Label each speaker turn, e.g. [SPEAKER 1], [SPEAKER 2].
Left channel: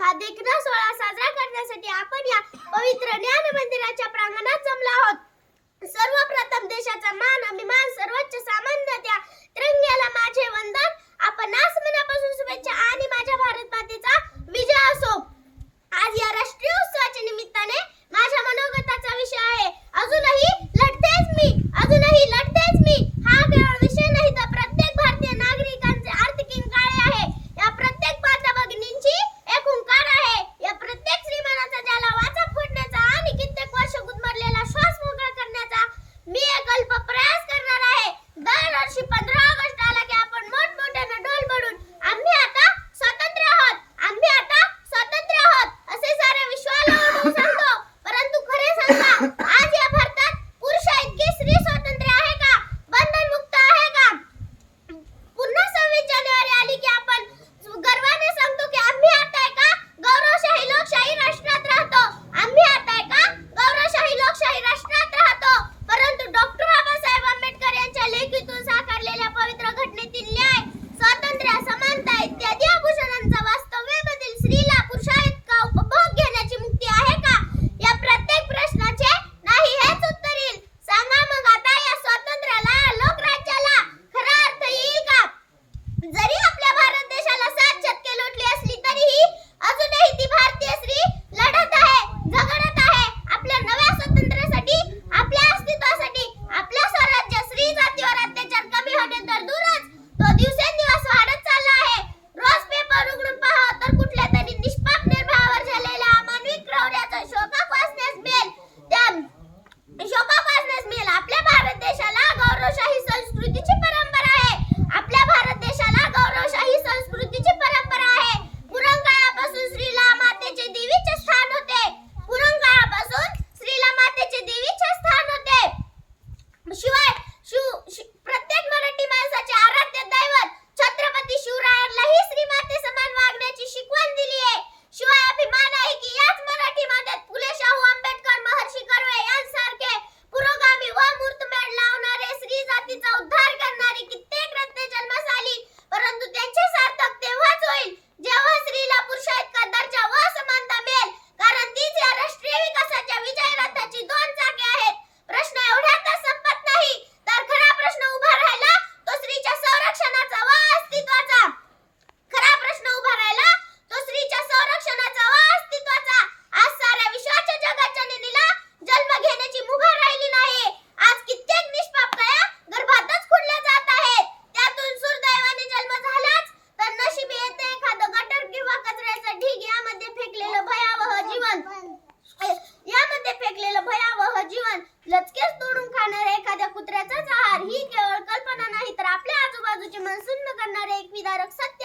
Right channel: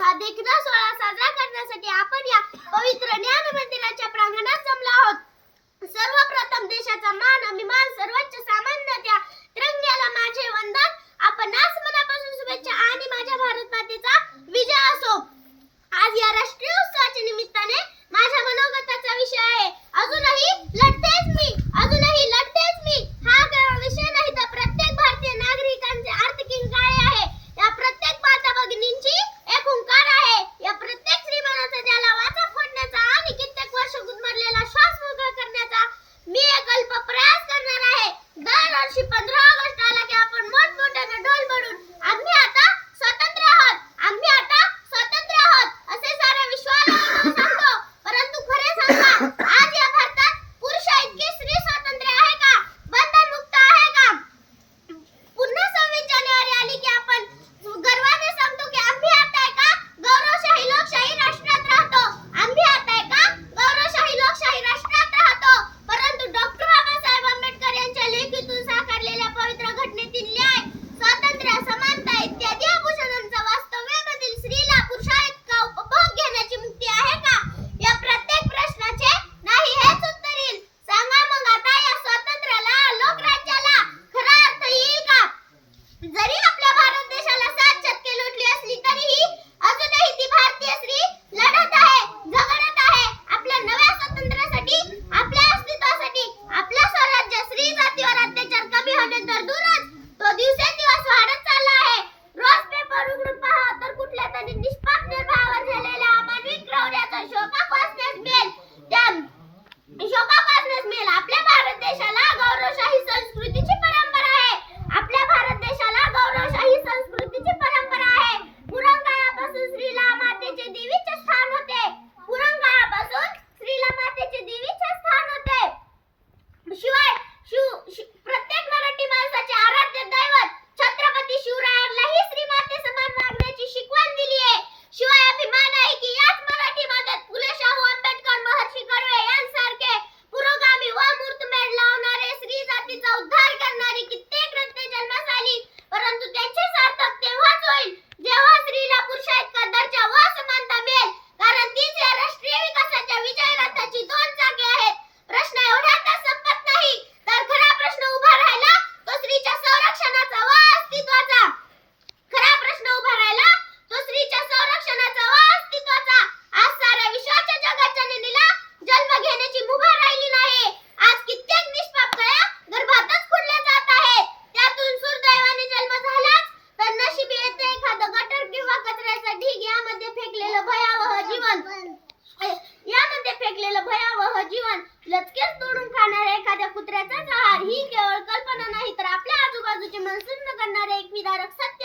[SPEAKER 1] हा देखना सोहळा साजरा करण्यासाठी आपण या पवित्र ज्ञान मंदिराच्या प्रांगणात जमला. आरोग्याचाच आहार ही केवळ कल्पना नाही तर आपल्या आजूबाजूचे मनसुन्न करणारे एक विदारक सत्य